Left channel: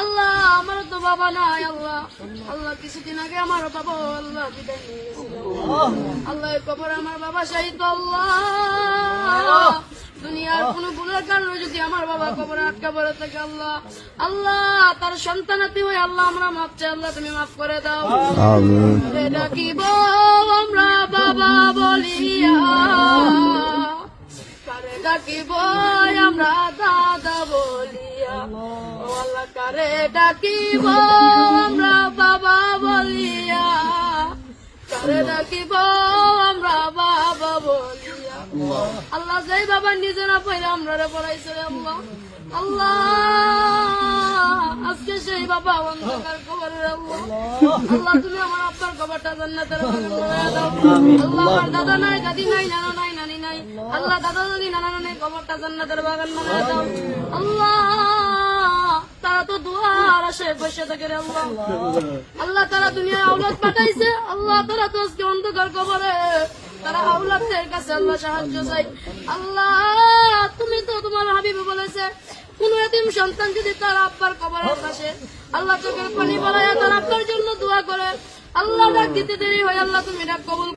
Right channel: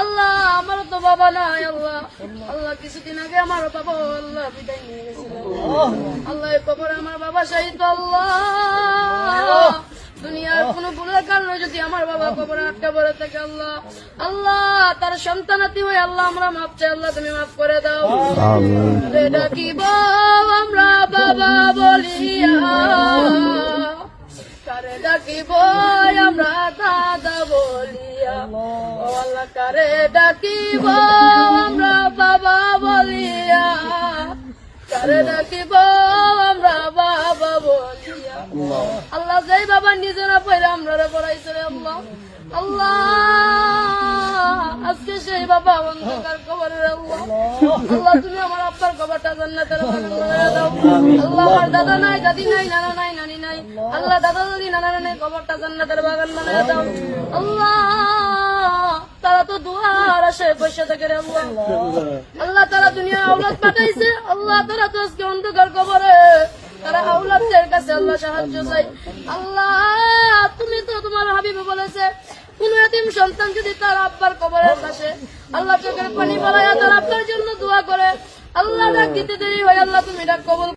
আল্লাহ আমার তো বাবা নাই আল্লাহ, আল্লাহ কিছুদিন আগে আমার বাবা আল্লাহ বিদায় নিয়ে গেছিল আল্লাহ, এই কবরে আমার বাবা শাহিদ আল্লাহ, দুনিয়ার কোন গুণের কারণে যদি আমার বাবা কবরে আটকা পড়ে থাকে আল্লাহ, আল্লাহ তার সন্তানাতি হয়ে আল্লাহ আমরা মাফ চাই, আল্লাহ তুমি মাফ করে দাও। ডাকিব আমরা বাবা বলিয়া, কারে ডাকিব আমরা দাদা বলিয়া, ও আল্লাহ কারে ডাকিব আমরা বাবা বলিয়া, কারে ডাকিব আমরা বাবা বলিয়া। আল্লাহ যেই বাবা নিজেরা পড়ে আমরা পড়াইছে আল্লাহ, আল্লাহ আজকে সেই বাবা অন্ধকার কবরে আল্লাহ, আল্লাহ তুমি আমার আপনার কবরটা জান্নাতের বাগান বানায় দাও। আল্লাহ আমার দাদা নাই, দাদি নাই, নানা নাই, নানি নাই, আল্লাহ দাদা দাদি নানা নানি কবরটা জান্নাতের বাগান বানায় দাও। আল্লাহ তারা তো দুয়ার আসে বসে থাকে রে আল্লাহ, আল্লাহ তারা দুনিয়া আওলাদ পাঠাইছে আল্লাহ, তারা তো আজকে অন্ধকার কবরে, তারা আওলাদের কাছে আল্লাহ সাহায্য চাই। আল্লাহ তুমি তো তোমার হাবিবে বলেছে কোন এতিম সন্তান যদি তার আব্বার কবরের কাছে আল্লাহ চোখের পানি বলায় তার আপনার জন্য দোয়া করে, আল্লাহ ডাক দিতে দেরি হয়, আল্লাহ তুমি ডাক কবুল